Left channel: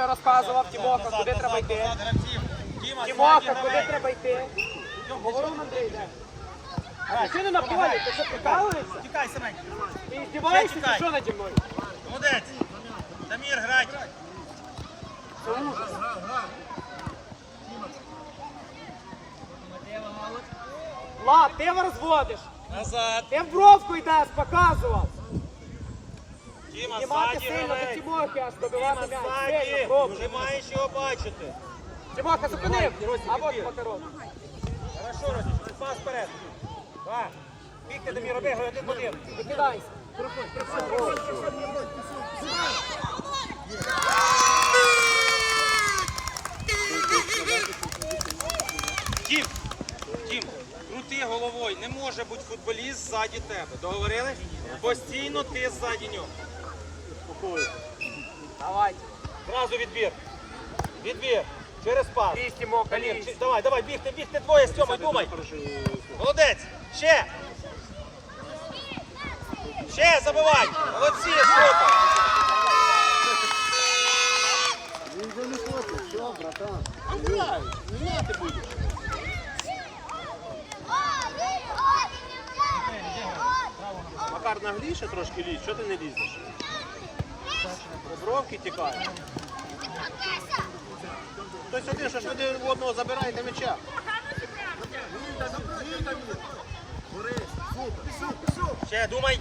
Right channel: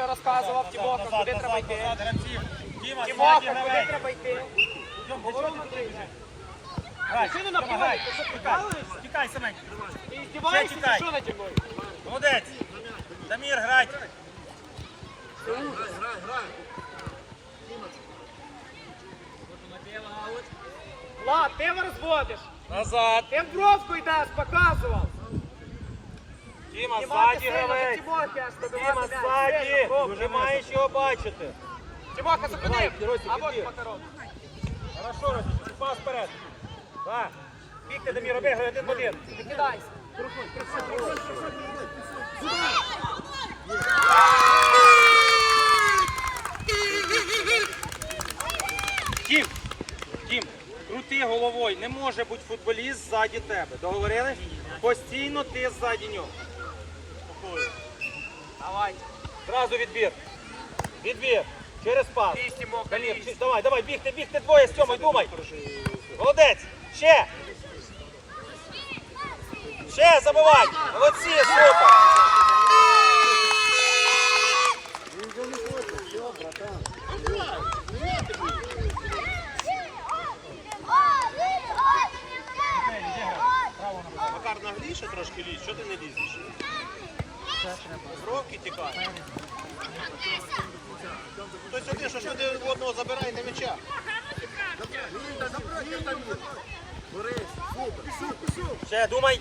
що розказував Тімоха, куди треба йти. Тімоха, куди треба йти. Ти що не на полі? Ти що прикалуєшся? Тікай, Семен. Ти здіваєшся, що наді мною? Молодець. Дамір, грать. Влад, ти його розводиш. Назад. Ти в бровку йдеш, показував. Знімати ззаді гравець. М'яч. ззаді. Вже маєш його бачити. Тімоха, зупини. А от Макарон. Хорошо, Ростик, пас вперед. Так. Бігти, Дамір, роби, один в один. Підкидайся. Проходь, проходь, проходь, проходь, проходь. Тім, Тім, крути головою. Не може бути футболіст ззаді тебе. Договорились? Постійно ти ззаді нього. Давай. Зразу відбір. Відбір. Через пас. Лізь, Тімоха, лізь. Давай, давай, бігти, бігти двоє з цьому, думай. Молодець. Ще. Ще забивай. Молодці, супер. Макар нагліше трошки лізь, що ти не лізеш? Бровки тікають. Хтось один, що ж один одного забираєте м'яча. Ще думай.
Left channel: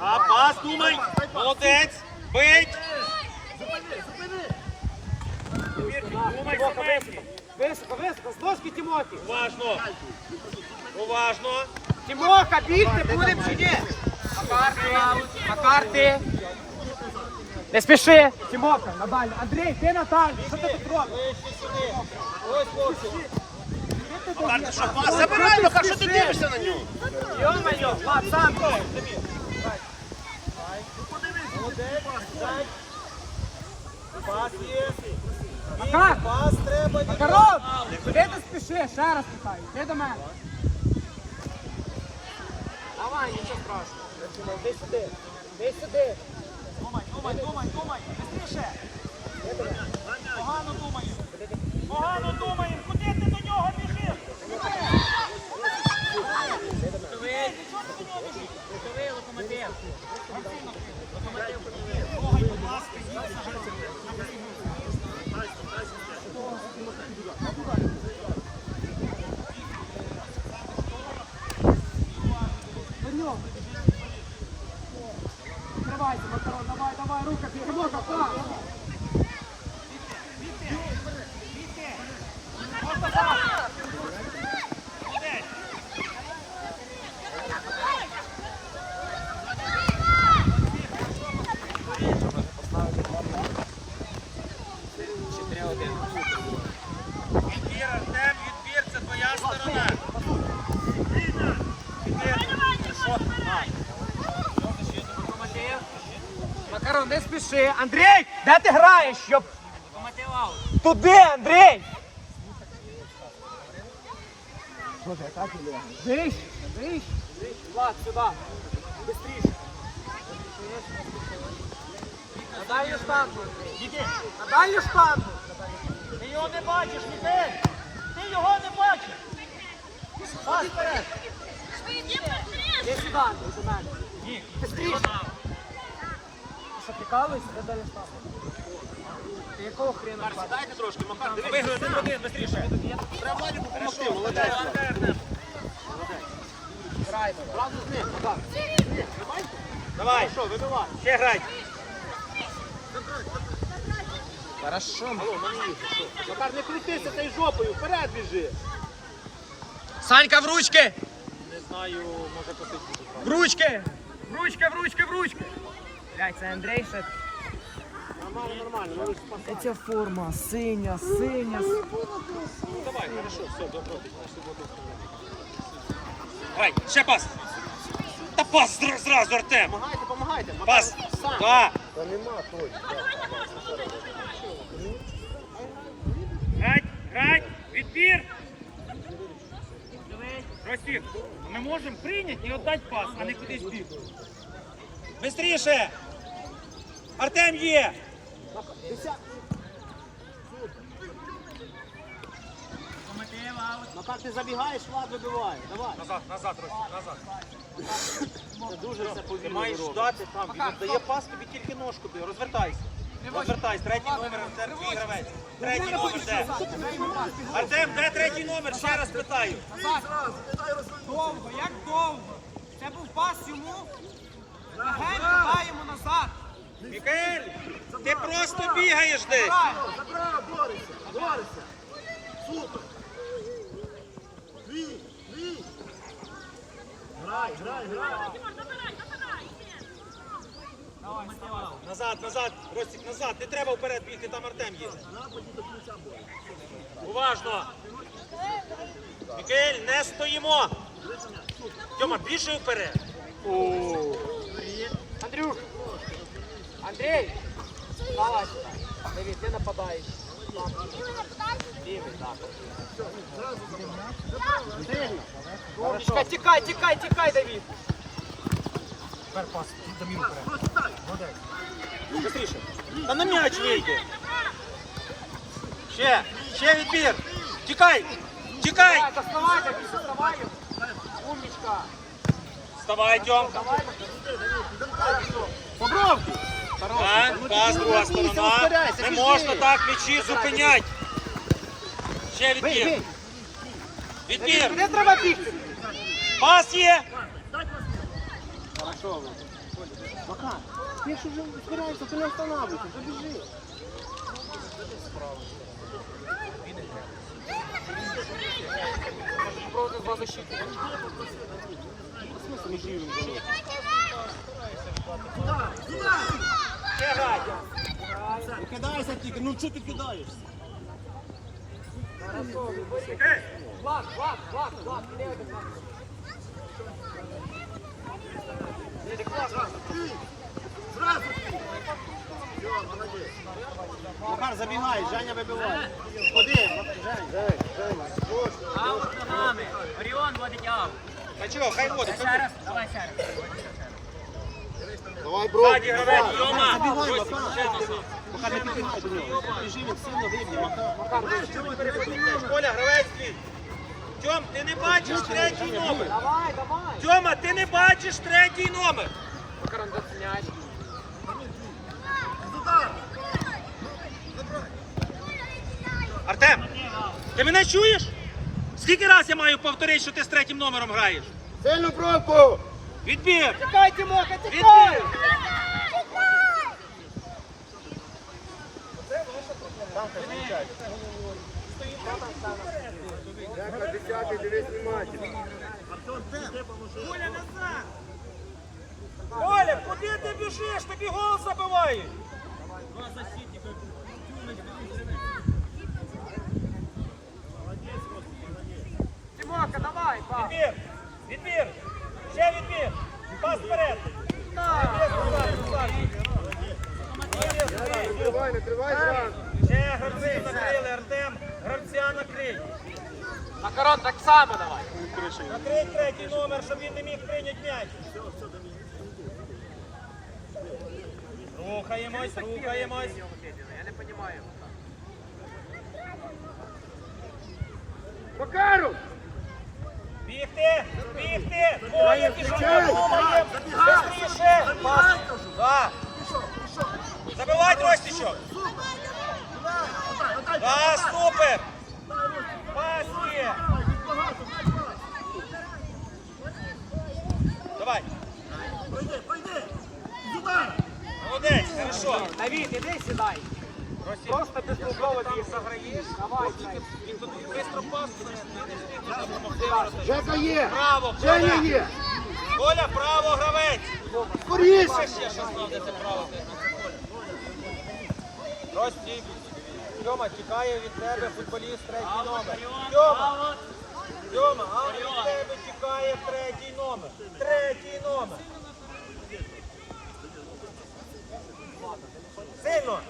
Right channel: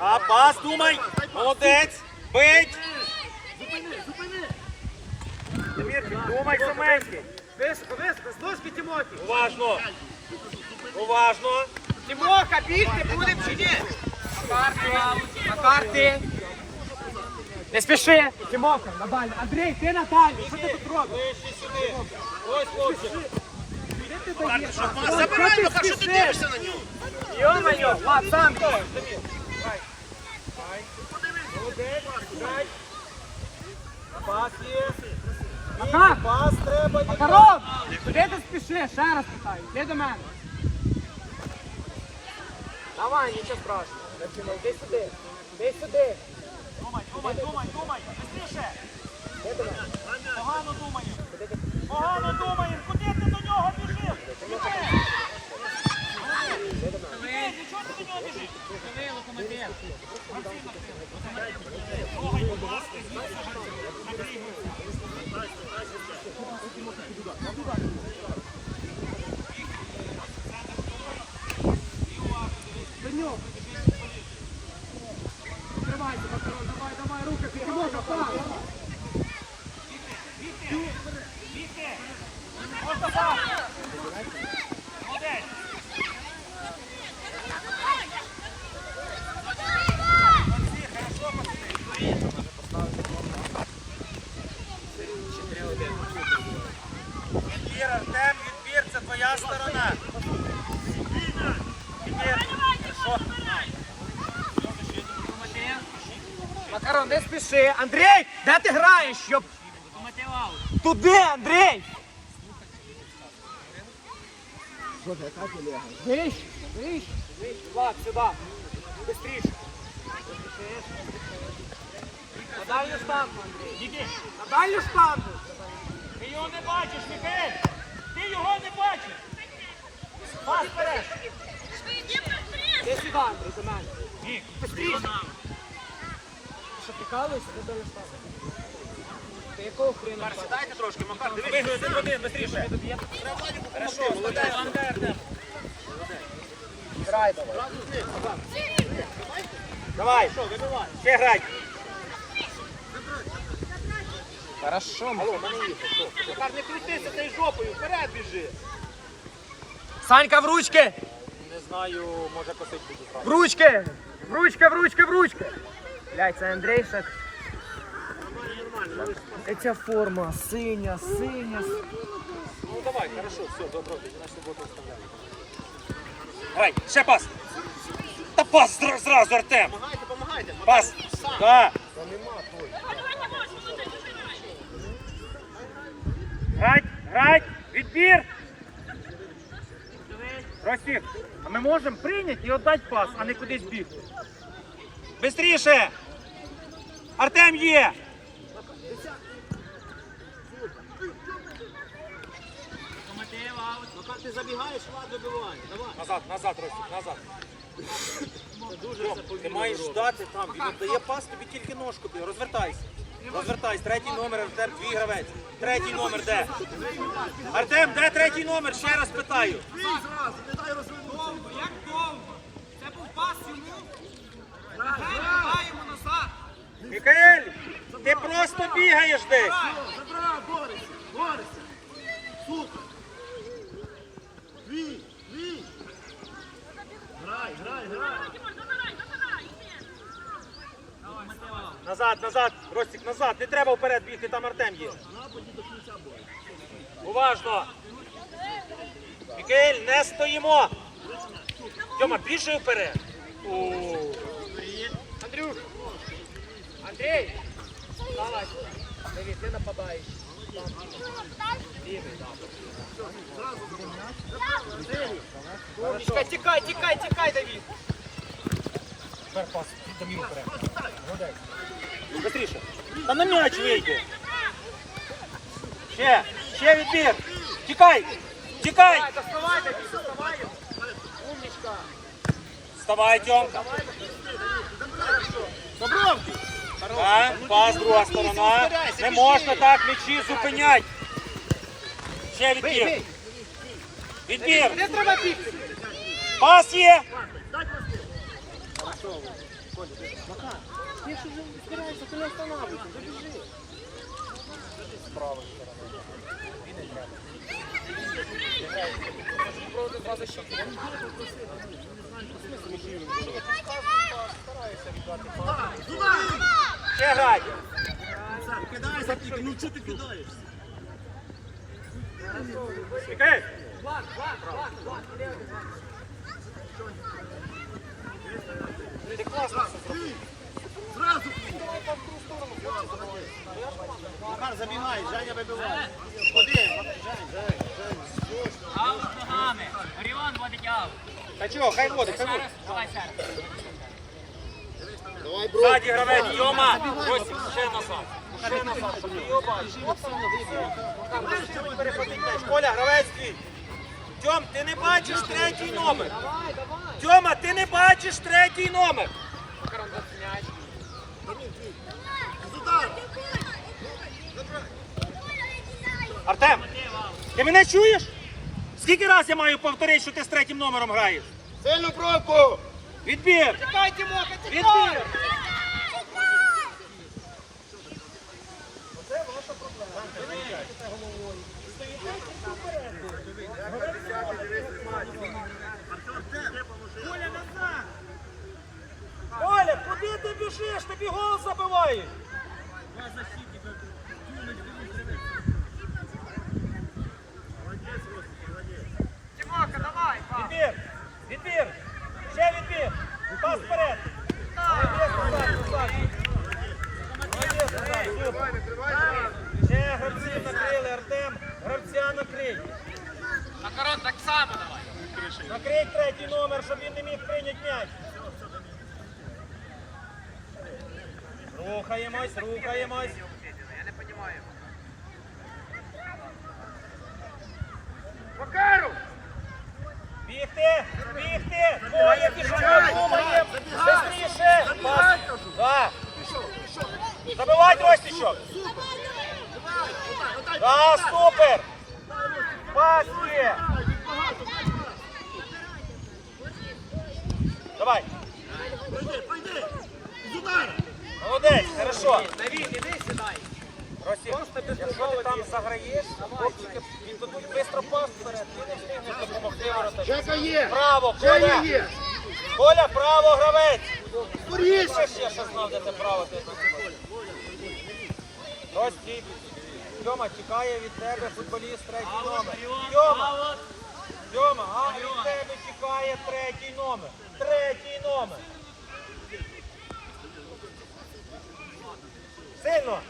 А пас думай. Молодець. Бить. Думай, Тімоха, Семенський. високо, високо, Тімохи. Уважно. Уважно. Тімоха, бігти будемо чи ні? Макарти, Макарти. Не спіши. Тімоха, Наталя. Андрій, ти Наталя. Що ти тут робиш? Ближче сюди. Ось хлопчик. Забирай, Макар, що ти Дивишся на нього. Йо-моє, Влад, сам ти. Молодець. Грай. Пас є. Макар, Пас треба. Макарон, куди ти спішиш? Ще раз питаю. Ти до мене. Давай, нічого страшного. Іди сюди. Іди сюди. Погано думаємо. Погано думаємо. Куди ти до нього біжиш? Ну чого ти до нього біжиш? Давай, давай, рука, Тимоха, пас. Відбір, Артем, відбір, це твоя сторона. Відбір. Що? А. Що защиту? Макарон, не спіши. Андрій, де ти граєш? Щоб... Туди, Андрій! Боже, ти лягає? Вище, вище, вище. Влад, сюди. Быстріше. На дальню штангу, Андрій. Іди. На дальню штангу. Ти його не бачиш, Мікель! Ти його не бачиш! Пас вперед! Іди сюди, Андрій, до мене. Мік, Ти що, прикалуєшся? Де дальня штангу? Ти якого хрена? Сідайте трошки, Макар, виграй один в один, быстріше! Грайте. Давай! Ще грай! Макар, не крутися та й жопою, вперед біжи. Санька в ручки! Не знаю, може посидіти. В ручки! В ручки, в ручки, в ручки! Блядь, це Андрій ще. Нормально, нормально, ця форма, синя, синя. Ну Давай, хорошо, все, добро. Грай, ще пас! Та пас зра- зразу, Артем! помагайте, помагайте. Пас! Да! Грать, грать, відбір! Ростик, а ми можемо прийняти і віддати пас, а не кудись бігти. Бистріше! Артем є! Ну так ти забігаєш, лад вибиває. Давай. Назад, назад, Ростик, назад. Дуже Ти маєш ждати там, він дає пас, тобі тільки ножку б'є, розвертайся. Розвертайся, третій номер, Артем, твій гравець. Третій номер, де? Артем, де третій номер? Ще раз питаю. Довго, як довго? Це був пас йому. Легенько даємо Мікаель, ти просто бігаєш десь. Забрав, борися, борися. Супер. Твій, твій. Грай, грай, грай. Назад, назад, Ростик, назад. Не треба вперед бігти, там Артем є. До кінця бою. Уважно. Мікаель, не стоїмо. Тьома, біжи вперед. Андрюх. Андрій. Давай. Давид, ти нападаєш. Лівий, так. Умничка, тікай, тікай, тікай, Давид. Тепер пас, Даміру. Молодець. Быстріше. Та на м'яч вийде. Ще, ще відбір. Тікай, тікай. Доставай, Давид, доставай. Умничка. Вставай, Тьом. Побровки. Так, пас, друга сторона. Не можна так м'ячі зупинять. Ще відбір. Відбір. Не треба бігти. Пас є. Ти що не збираєшся, ти не встановлюйся, побіжи. Грай. Кидайся тільки, ну чого ти кидаєшся? Влад, Влад, Влад, Влад, іди один, Влад. Зразу. Макар, забігай, Женя вибиває. Ходи. Аут ногами. Оріон водить аут. Та чого, хай ходить. Ще раз, давай ще раз. Давай, бро. Гравець, Тьома. Ростик, ще назад. Ще назад. Коля, гравець твій. Тьом, ти не бачиш третій номер. Давай, давай. Тьома, ти не бачиш третій номер. Карандаш м'яч. Артем, ти мене чуєш? Скільки раз я маю повторити, що ти з третім номером граєш? Сильну пробку. Відбір! Тікай, Тимоха, тікай! Відбір! Коля, назад! Коля, куди ти біжиш? Тобі гол забивають! Тимоха, давай! Відбір! Відбір! Ще відбір! Пас вперед! Молодець, Руслан, Руслан! Молодець, Руслан, супер! Ще гравців накрили, Артем, гравця накрий! На корот так само давай! Накрий третій номер, щоб він не міг прийняти м'яч. Рухаємось, рухаємось. Макару! Бігти, бігти, двоє пішли, рухаєм. Быстріше. Забігай, кажу. Да. Супер. Пас є. Давай. Пройди, пройди. Сюди. Молодець, хорошо. Давид, іди сідай! Просто ти безпосовно там заграєш, Давай, він туди швидко пас. Жека є. Право, є. Коля, право, гравець. Скоріше. Я ще знав, де ти право, де ти Коля. Ростік. Тьома, тікає від тебе футболіст третій номер. Тьома. Тьома, а від тебе тікає третій номер. Третій номер. Сильно.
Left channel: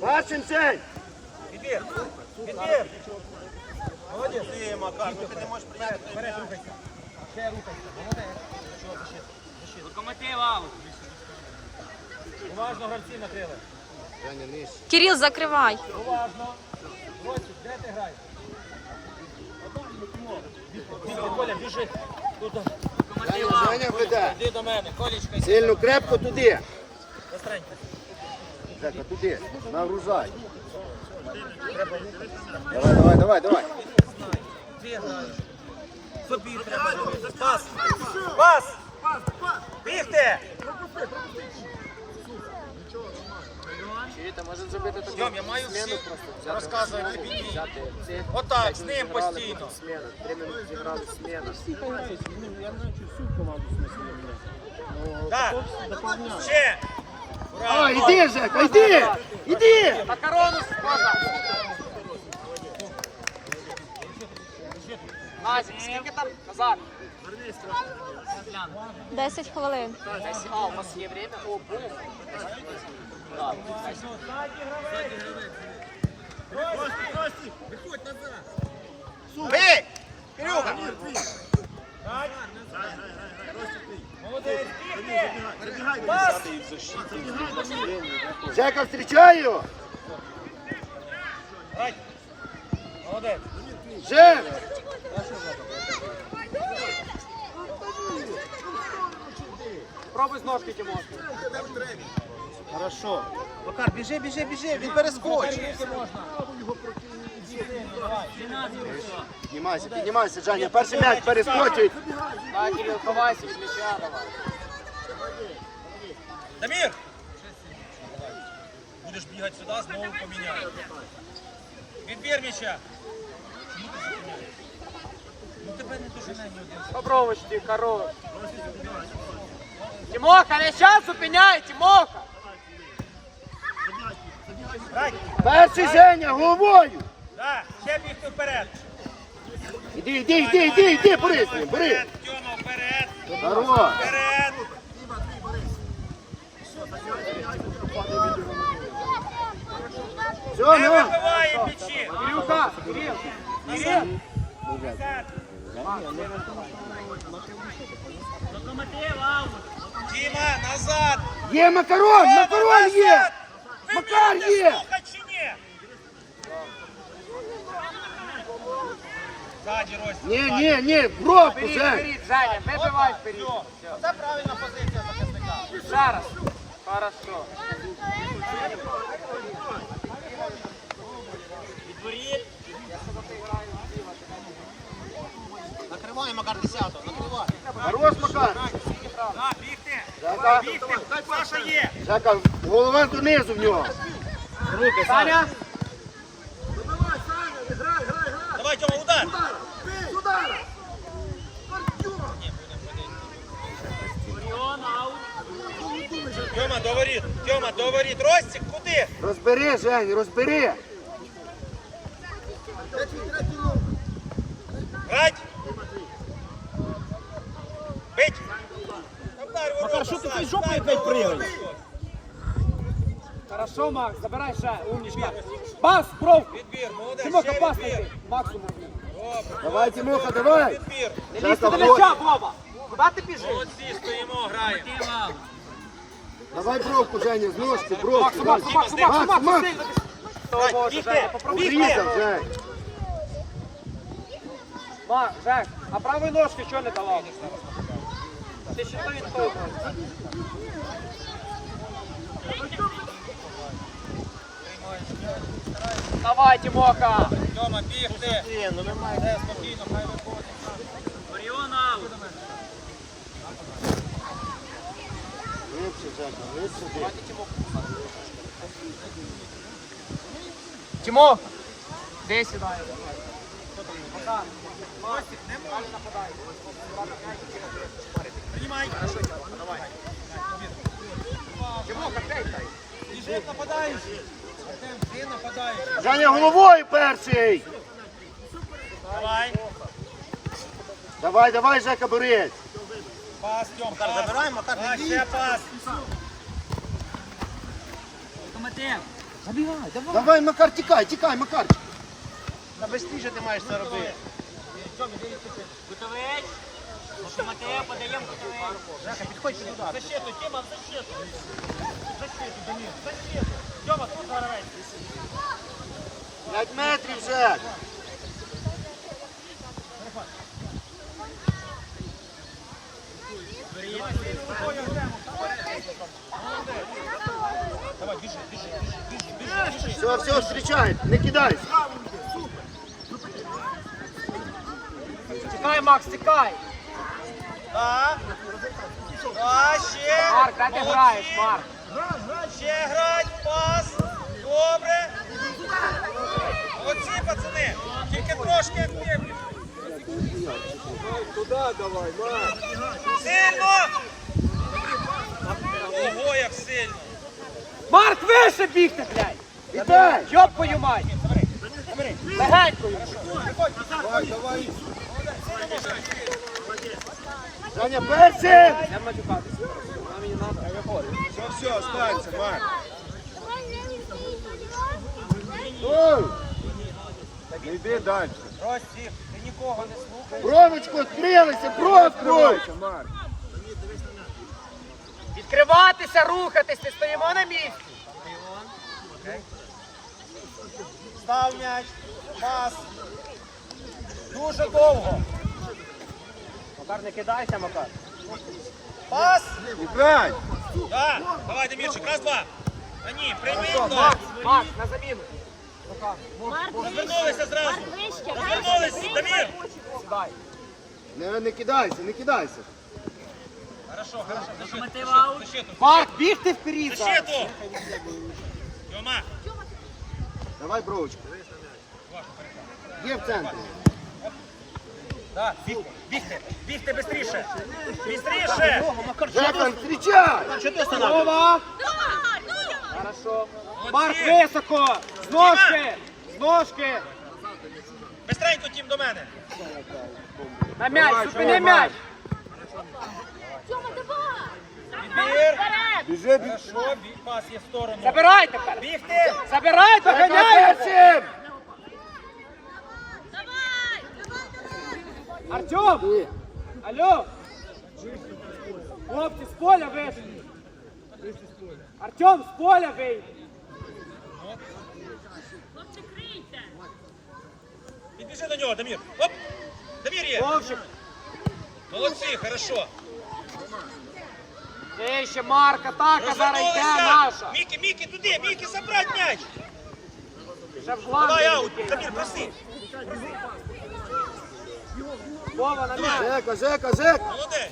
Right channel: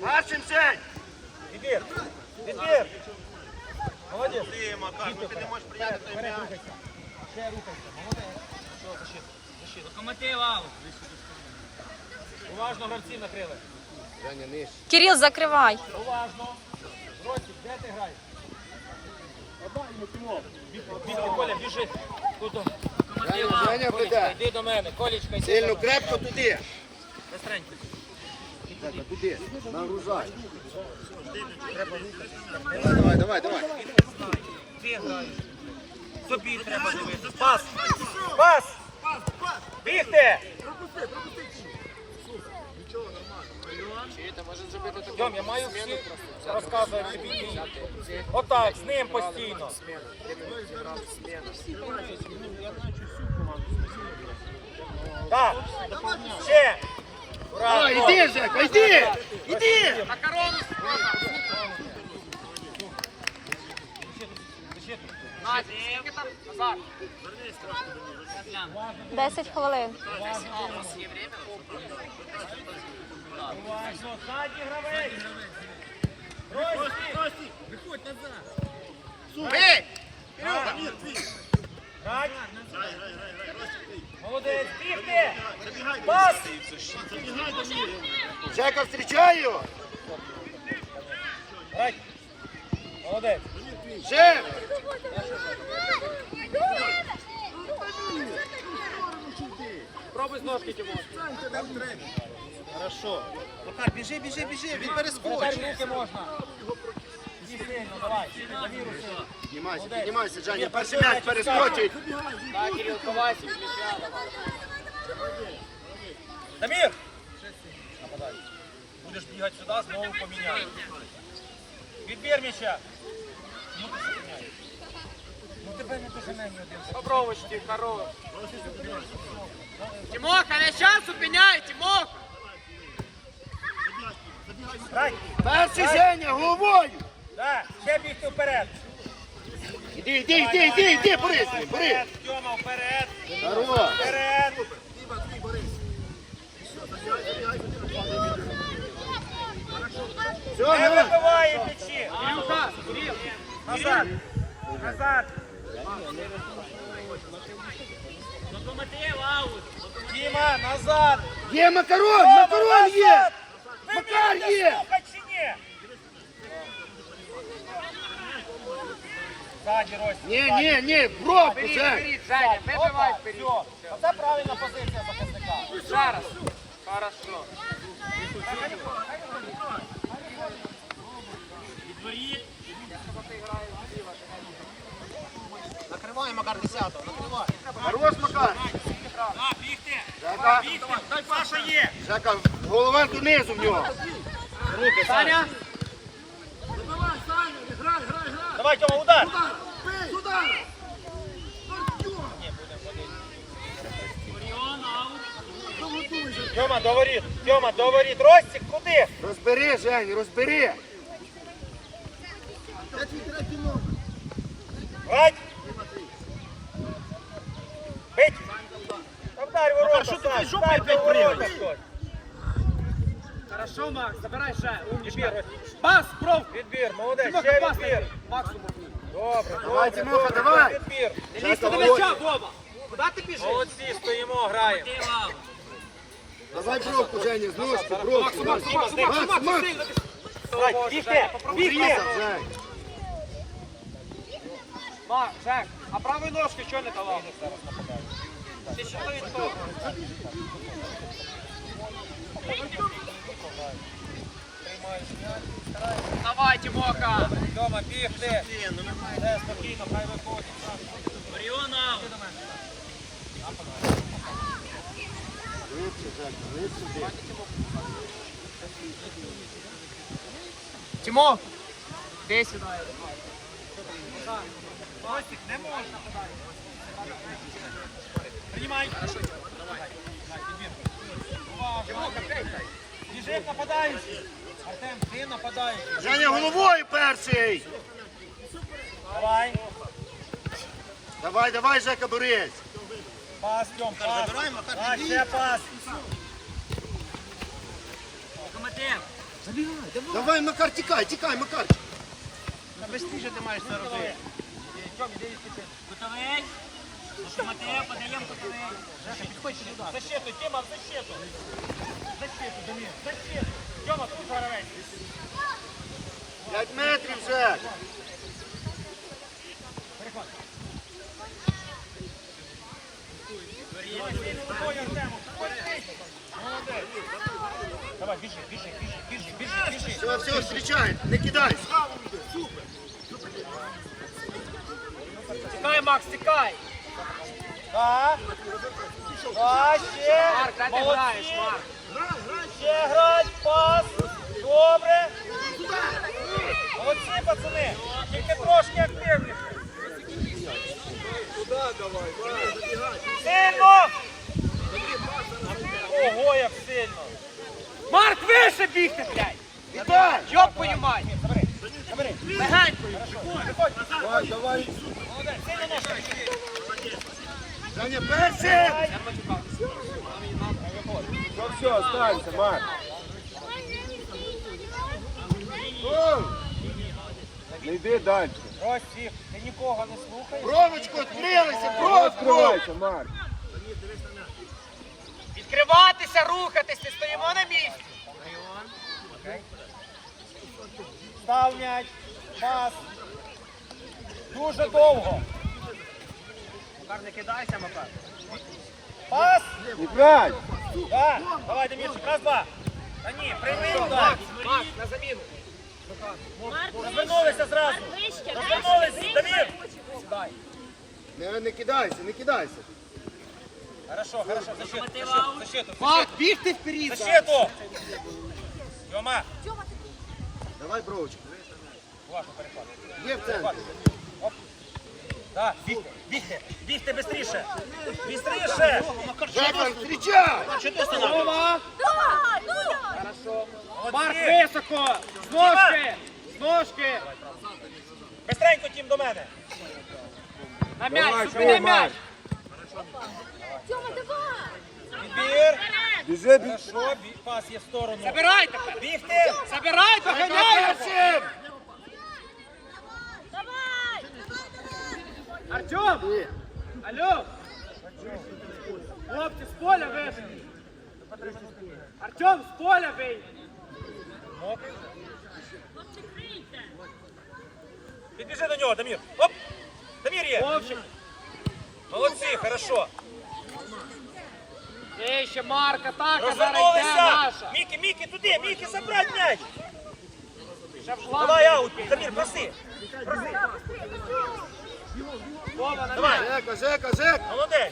Бачим цей. Відбір. Відбір. Молодець. Дійте вперед. Вперед, вперед, рухайся. Ще рухайся. Молодець. Що, защита? Защита. Локомотив аут. Уважно гравців накрили. Кирил, закривай. Уважно. Ростик, де ти граєш? Коля, біжи. Туди. Женя, Женя веде. Йди до мене, Колечка, йди. Сильно крепко туди. Быстренько. Жека, туди. Нагружай. Давай, давай, давай. Граєш. Собі треба дивитися. Пас! Пас! Бігти! Йом, я маю всі розказувати тобі. Отак, з ним постійно. Так, ще. А, іди, Жека, іди! Іди! Макарону можна. Назік, скільки там? Назар. 10 хвилин. А, у вас є время? О, бум. Ззаді гравець. Рості. Виходь назад. Бей! Грать. Молодець, бігти. Пас. Жека, встречаю! Грать. Молодець. Жека! Пробуй з ножки Тимофій. Хорошо. Макар, біжи, біжи, біжи, він перескочить. Руки можна. Іди сильно, давай. Піднімайся, піднімайся, Женя. Перший м'яч перескочить. Кирил, ховайся, м'яча давай. Дамір! Будеш бігати сюди, знову поміняй. Відбір м'яча. Ну тебе не доженемо один. Попробуйте, хорош. Тимоха, не час зупиняй, Тимоха. Перший Женя, головою! Ще бігти вперед. Іди, іди, іди, іди, іди, бери, з ним, бери! Вперед, Тьома, вперед, Здорово! вперед. Все, Не ну! вибиває м'ячі. Кирюха, Кирил. Назад. Назад. Діма, назад. Є макарон, макарон є! Макар є! Слухай чи ні? Ззаді, Рось. Ні, ні, ні, пробку, Вперед, Жень! вперед, Женя, вибивай вперед. Це правильна позиція захисника. Зараз. Хорошо. Накривай, Макар, 10-го, накривай. Хорош, Макар! Так, бігти. Жека, Бігти, хай Паша є. Жека, голова донизу в нього! Саня. Давай, Тьома, удар. Тьома, до воріт. Тьома, до воріт. Ростик, куди? Розбери, Жень, розбери! Грать. Бить. Вдарь ворота, що ти жопою опять прыгаєш? Хорошо, Макс, забирай ще. Умничка. Пас, кров. Відбір, молодець, ще відбір. Максимум. Давай, Тимоха, давай! Не лізьте до м'яча, Вова. Куди ти біжиш? Молодці, стоїмо, граємо. Давай бровку, Женя, з ножки, бровку! Макс, Макс, Макс, Макс, Макс, бігти. Жень! Макс, Жак, а правої ножки що не давав? Ти що то відтов? Давай, Тимоха. Тьома, бігти. Де, спокійно, хай виходить. Глибше, Жека, глибше, де. Тимоха. Де сюди? Приймай. Біжить нападаючий. Артем, ти нападаючий. Женя, головою перший! Давай. Давай, давай, Жека, борись! Пас, Тьом, пас. Забирай, Макар, ще пас. Давай, Макар, тікай, тікай, Макар! Та безстіже ти маєш це робити. Тьом, іди відпочинь. Готовий? Матео, подаємо готовий. Жека, підходь сюди. Защиту, Тіма, в защиту. Защиту, Демір, защиту. Тьома, тут гравець. П'ять метрів, Жек. Давай, біжи, біжи, біжи, біжи, біжи, біжи. Все, все, встречай. Не кидай. Тікай, Макс, тікай. А? А, ще. Марк, ти граєш, Марк? Ще грать, пас. Добре. Молодці, пацани. Тільки трошки активніше. Сильно! Ого, як сильно! Марк, вище бігти, блядь. Вітай. Йопкою мать. Легенькою. Саня, перший. Все, останься, Марк. Не йди далі. Ростік, ти нікого не слухаєш? Бровочку відкрилися, бровку. Відкривайся, Марк. Відкриватися, рухатись, не стоїмо на місці. Став м'яч, пас. Дуже довго. Макар, не кидайся, Макар. Пас. Грай. Да. Давай, Демірчик, раз, два. Ні, прямий Макс, на заміну. Розвернулися зразу. Розвернулися. Сідай. Не, не кидайся, не кидайся. Хорошо, хорошо. Мотивав. защиту. Марк, бігти вперед. Защиту. Тьома. Давай бровочку. Є в центрі. Так, бігти, бігти бистріше. Бистріше. Встречай. Що ти? Вова. Хорошо. Марк, високо. З ножки. З ножки. Бистренько, Тім, до мене. На м'яч, зупини давай. м'яч. Відбір. Біжи, біжи. Пас є в сторону. Забирай тепер. Бігти. Забирай, доганяй. Артем. Алло. Хлопці, з поля вийшли. Артем, з поля вийшли. Підбіжи до нього, Дамір. Оп. Дамір є. Вовчик. Молодці, хорошо. Є ще Марк, атака зараз йде Розвернулися. наша. Мікі, Мікі, туди, Мікі, забрать м'яч. Вже в план. Давай аут, Дамір, проси. Вова, на Давай. Жека, Жека, Жека. Молодець.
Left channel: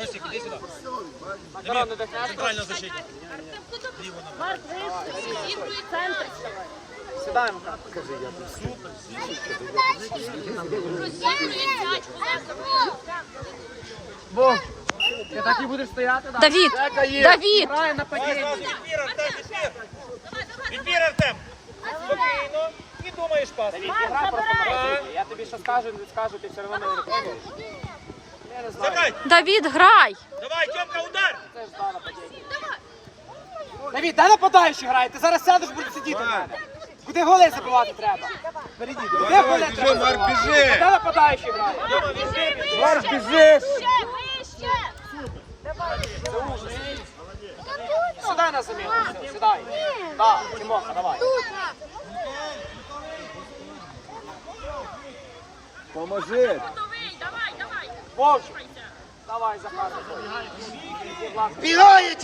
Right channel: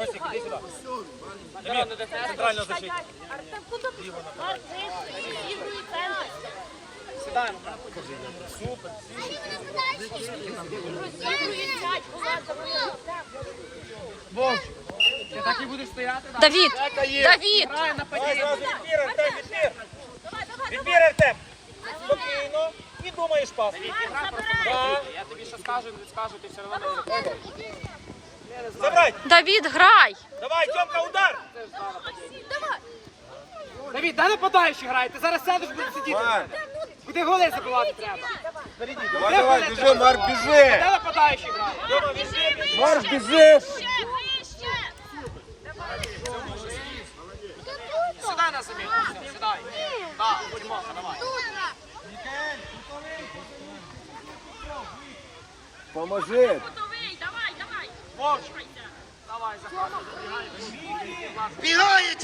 Росик, іди сюди. Дамір, центральна защита. Сідай. Вовчик, ти так і будеш стояти? Да? Давід! Давід! Падіння. відбір, Артем, відбір. Відбір, Артем. Спокійно. І думаєш, пас. Я тобі ще скажу, скажу, ти все одно не виконуєш. Забрать. Давід, грай! Давай, Тьомка, удар. Давід, де нападаючий грає? Ти зараз сядеш, будеш сидіти. Куди голи забивати треба? Куди голи біжи, треба? Марк, біжи. Де нападаючий грає? Марк, біжи. Сідай на все, Сідай. Так, Тимоха, давай. Поможи. Вовчик. Давай, Захар. Бігає,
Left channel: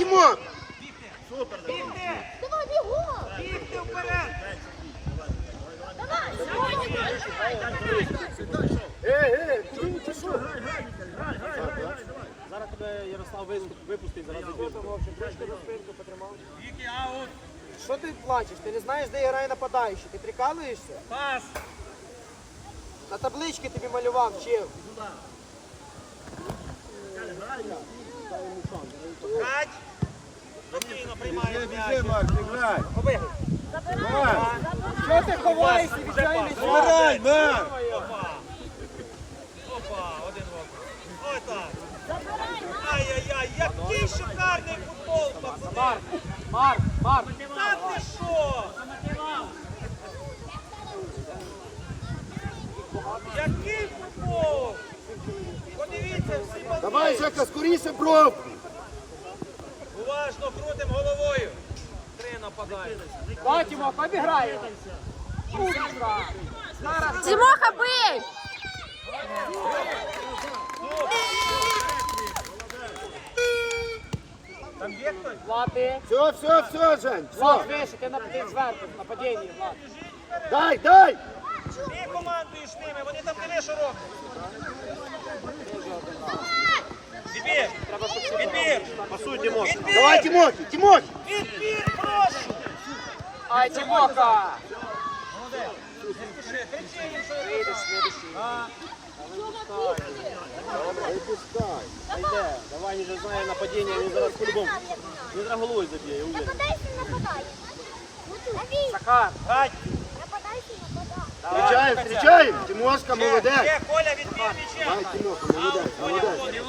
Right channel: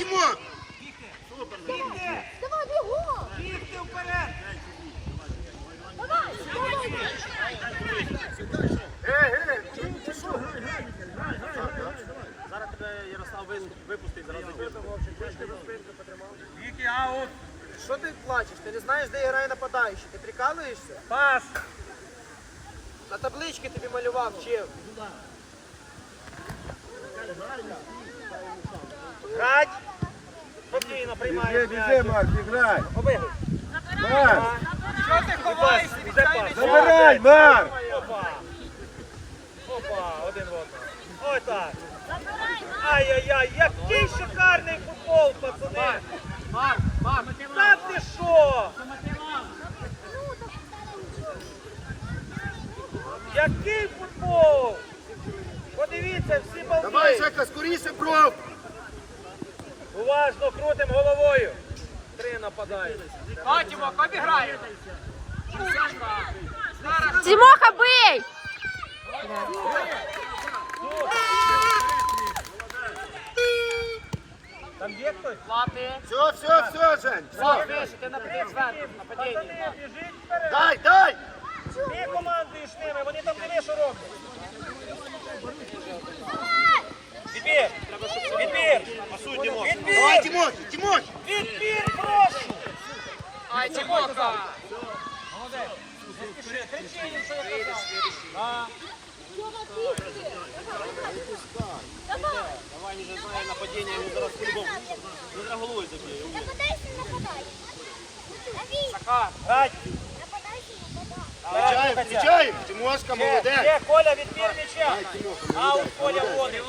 Тимон. Вікі, аут. Що ти плачеш? Ти не знаєш, де грає нападаючий? Ти прикалуєшся? Пас. На таблички тобі малював, вчив. Грать. Спокійно, приймає Біжи. Марк, грай. Побігли. Марк, Що ти ховаєшся? Грай, Марк. Опа. Опа, один в один. Отак. Ай-яй-яй, який шикарний футбол, пацани. Марк, Марк. Та ти що? Який футбол? Подивіться, всі Давай, балки. Жека, скоріше бровку. уважно крутим головою. Три нападають. Давай, Тимок, обіграємо. Тимоха, бий! Там є хтось? Плати. Все, все, все, Жень. Все. вище, ти напади зверху, нападіння. Дай, дай. Ти командуєш ними, вони там не що роблять. Відбір! Відбір! Відбір! Давай, Тимофій, Тимофій. Відбір, прошу! Ай, Тимоха. Молодець! Не спіши, кричи їм, що я казав. А, Давай, же знає нападіння, він зараз по-любому. Він зараз головою заб'є. Захар. Гать! Включаємо, включаємо. Тимошка, молодець. ще, Коля, відбір м'яча! Дай, Тимоха, Аут, молодець, молодець.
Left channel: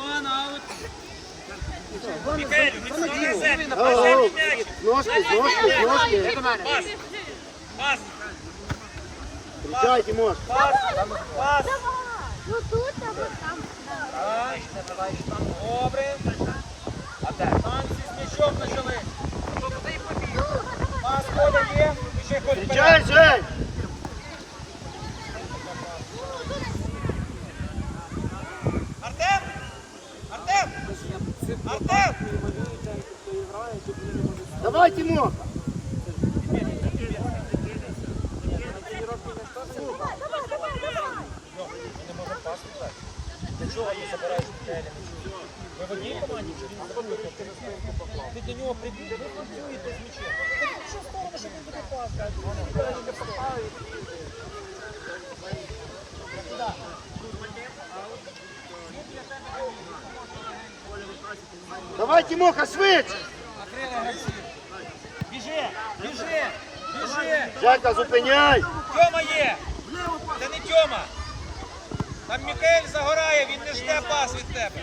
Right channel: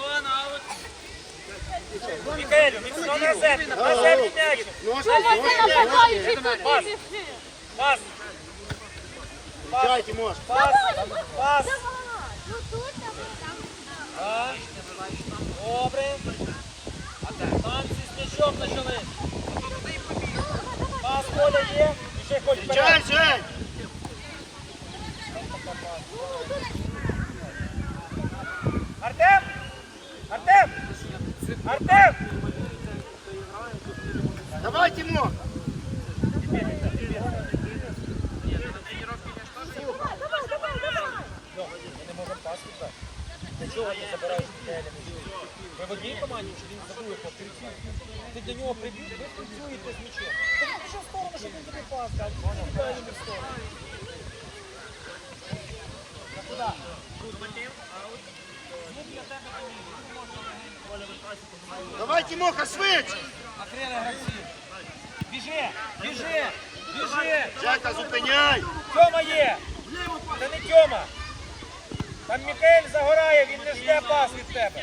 аут. Мікаелю, на землю, на землю м'яч! Ножки, ножки, ножки. Пас! Пас! Включай, Тимош. Пас! Пас! Добре. А так, Танці з м'ячом почали. Пас, Коля є. І ще Коль Включай, Артем! Артем! Артем! Давай, Тимош. Ви в одній команді чи він забув? Ти до нього прибіг, ви працюєте з м'ячем. Так що в сторону, щоб він буде пас дати? Ідеально не встигає. Давай, Тимоха, швидше. Біжи, біжи, біжи. Жека, зупиняй. Тьома є. Це не Тьома. Там Мікель загорає, він не жде пас від тебе.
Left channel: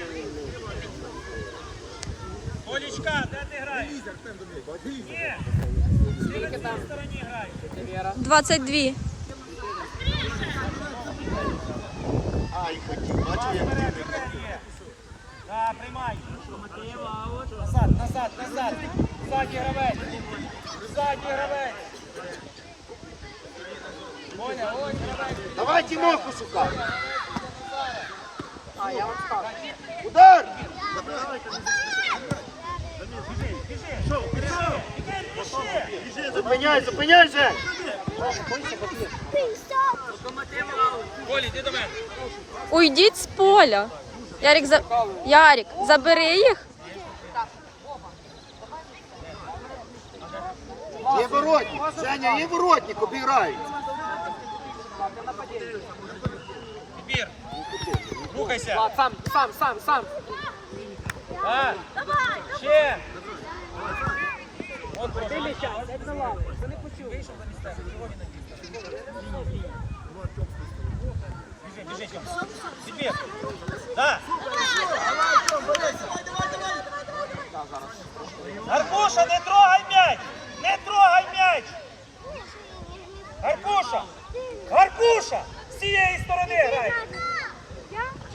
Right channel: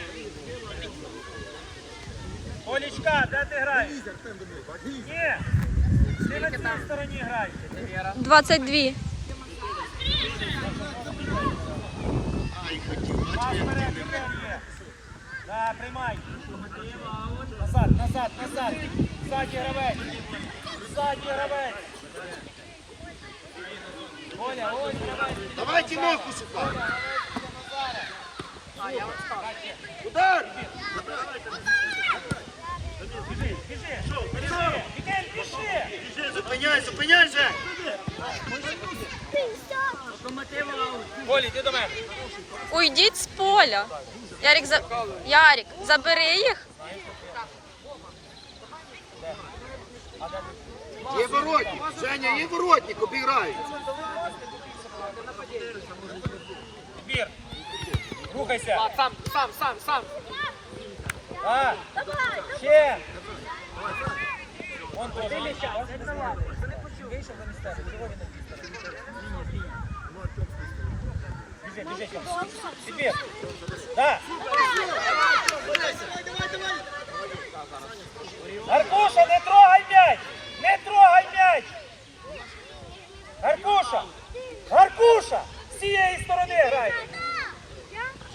Колічка, де ти граєш? Ні. Ти на цій стороні граєш. 22. Ай, бачу, як. Да, тримай. Назад, назад, назад. Ззаді гравець. Ззаді гравець. Давай, Тимоху шукай. Удар. Біжи, біжи, біжи. Біжи. Зупиняй, зупиняй, йди до мене. Уйдіть з поля. Ярик, за... Ярик, забери їх. Є воротник. Женя, є воротник, обіграють. Мір. Рухайся. Влад, сам, сам, сам, сам. А, ще. Он Ти тоже. ліща, це не Влад. Це не почув. Вийшов до місця. Чого він не біжить? Лінія, лінія. Біжи, біжи, Тьом. Підбір. Да. Гаркуша, не трогай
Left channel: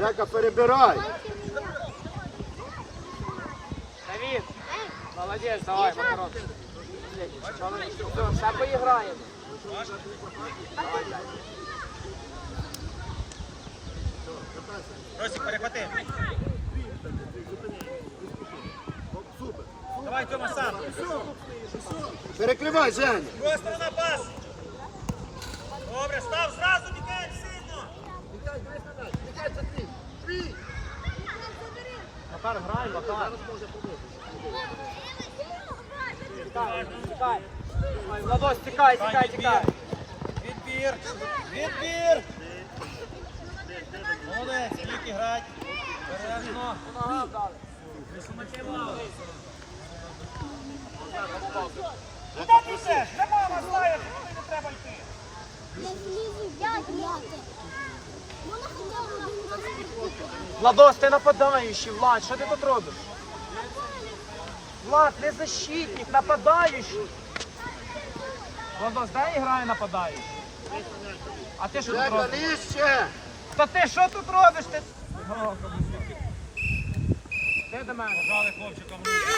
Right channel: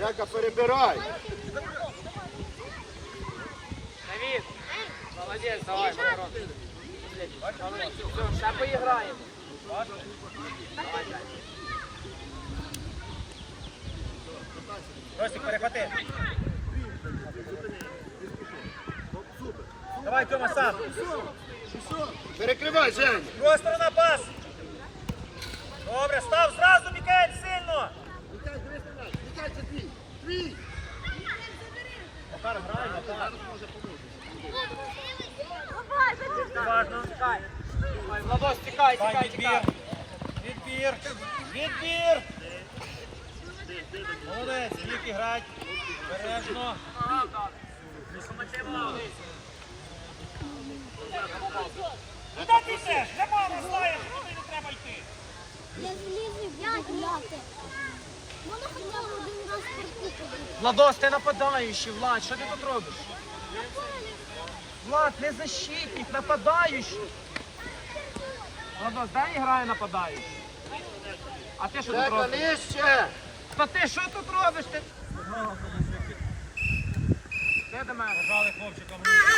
Жека, перебирай. Давид. Молодець, давай, хорош. Все, поіграємо. Росик, перехвати. Давай, Тьома, сам. Перекривай, Женя. Просто на пас. Добре, став зразу, Мікель, сильно. Владос, тікай, тікай, тікай. Відбір. Відбір. Молодець, Віки грать. Бережно. Куди ти йдеш? Не мама знає, не треба йти. Я злізу, я. Владос, ти нападаючий, Влад, що ти тут робиш? Влад, не защитник, нападаючий. Владос, дай грає нападаючий. А ти що тут робиш? Та ти що тут робиш? Ти... Де до мене? Пожали хлопчикам руки.